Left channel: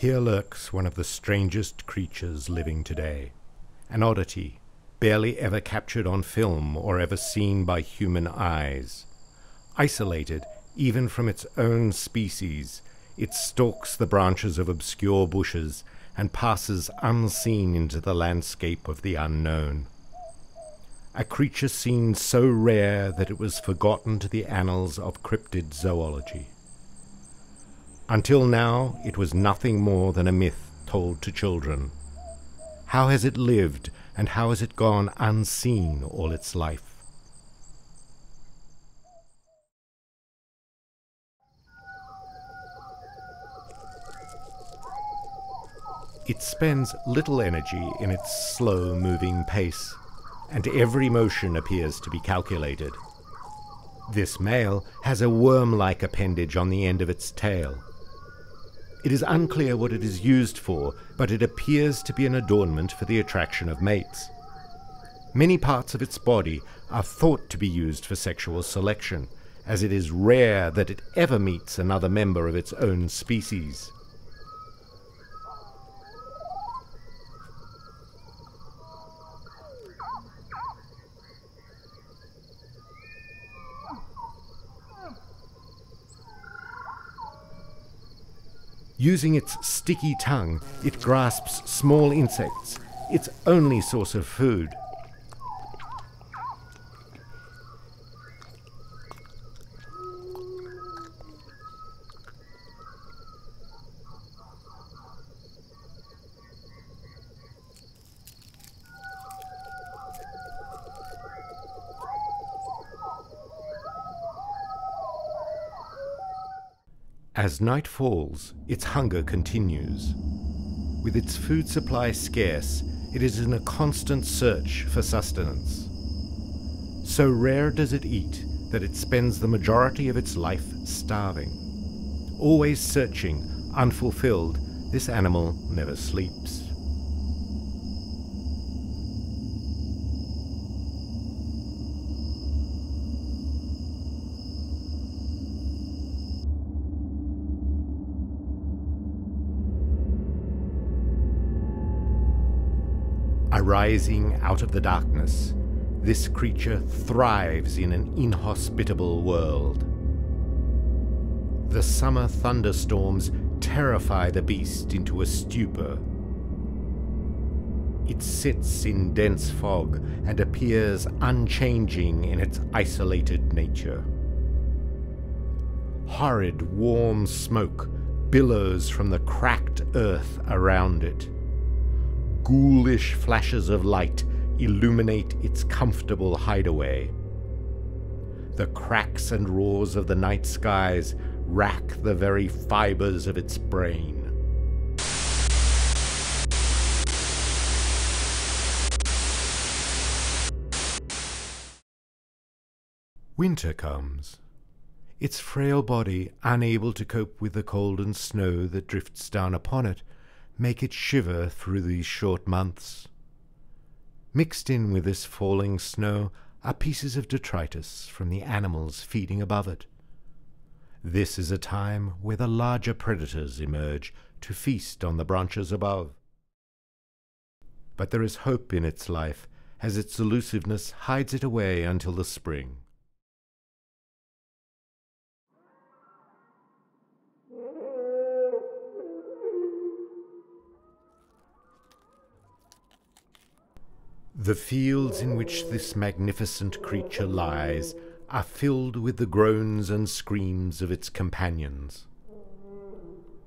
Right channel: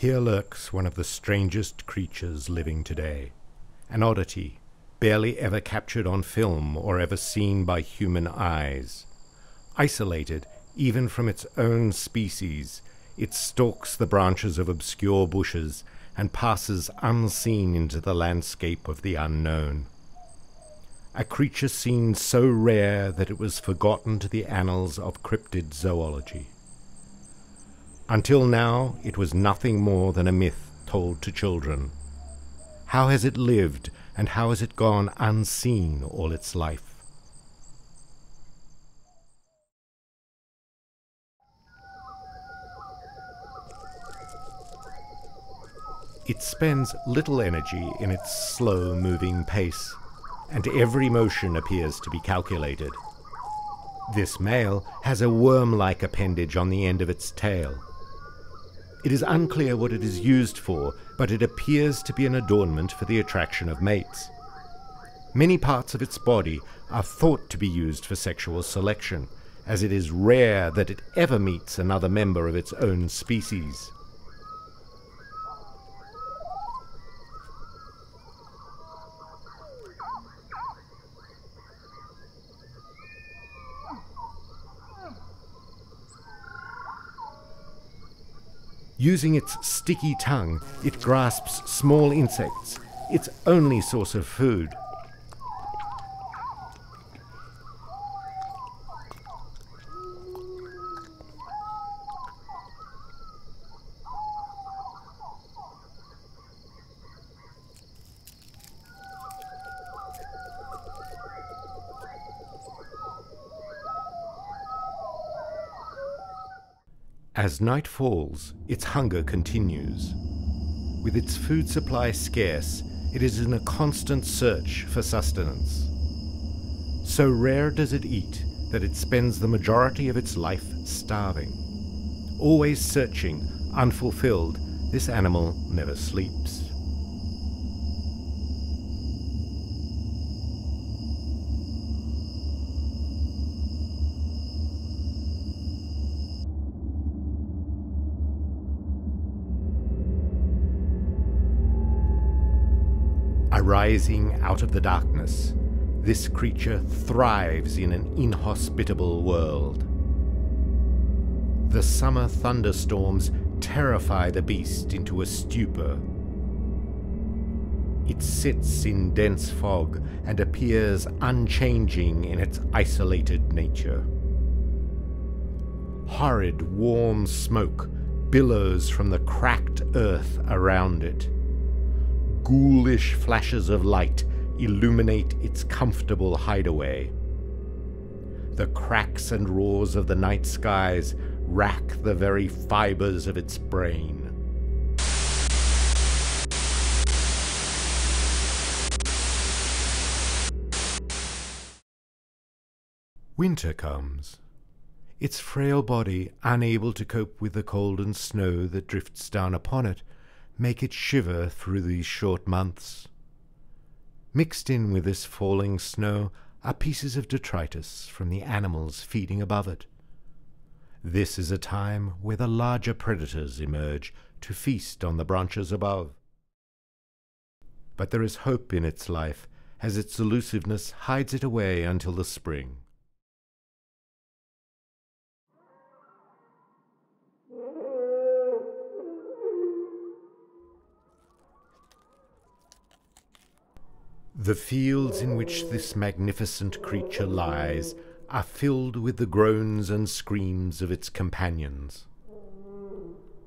Here lurks one of the strangest creatures living today, an oddity, barely ever captured on film or ever seen by human eyes. Isolated even from its own species, it stalks the branches of obscure bushes and passes unseen into the landscape of the unknown. A creature seen so rare that it was forgotten to the annals of cryptid zoology. Until now, it was nothing more than a myth told to children. How has it lived, and how has it gone unseen all its life? It spends little energy in its slow-moving pace, and every motion appears to be calculated. This male has a worm-like appendage on the end of its tail. It is unclear what it is used for, but it appears to be an adornment for the attraction of mates. Many parts of its body are thought to be used for sexual selection, as it is rare that it ever meets another member of its own species. Using its sticky tongue, it grasps small insects, its only source of food. As night falls, its hunger continues. With its food supply scarce, it is in a constant search for sustenance. So rare does it eat that it spends the majority of its life starving. Always searching, unfulfilled, this animal never sleeps. Arising out of the darkness, this creature thrives in an inhospitable world. The summer thunderstorms terrify the beast into a stupor. It sits in dense fog and appears unchanging in its isolated nature. Horrid warm smoke billows from the cracked earth around it. Ghoulish flashes of light illuminate its comfortable hideaway. The cracks and roars of the night skies rack the very fibers of its brain. Winter comes. Its frail body, unable to cope with the cold and snow that drifts down upon it, make it shiver through these short months. Mixed in with this falling snow are pieces of detritus from the animals feeding above it. This is a time where the larger predators emerge to feast on the branches above. But there is hope in its life, as its elusiveness hides it away until the spring. The fields in which this magnificent creature lies are filled with the groans and screams of its companions.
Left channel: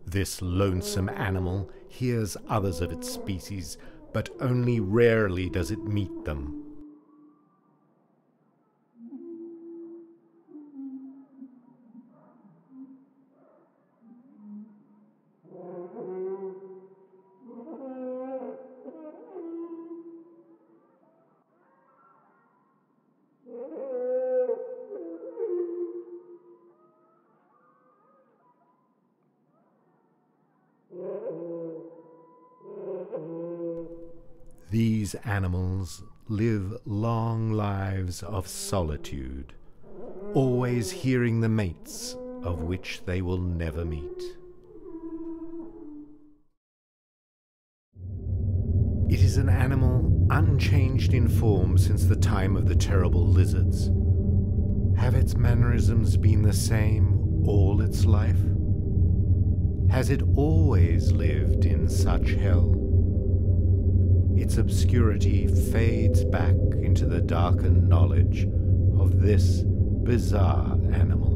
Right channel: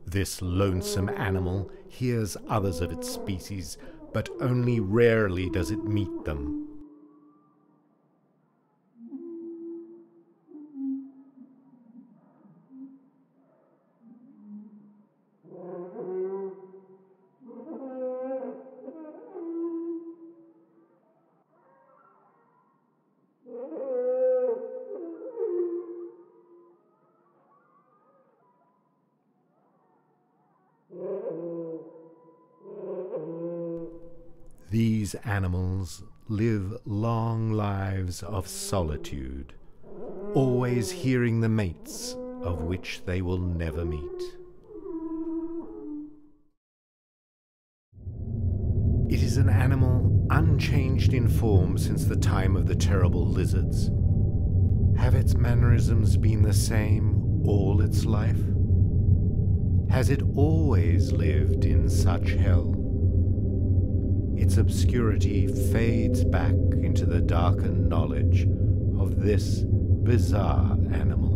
This lonesome animal hears others of its species, but only rarely does it meet them. These animals live long lives of solitude, always hearing the mates of which they will never meet. Is an animal unchanged in form since the time of the terrible lizards? Have its mannerisms been the same all its life? Has it always lived in such hell? Its obscurity fades back into the darkened knowledge of this bizarre animal.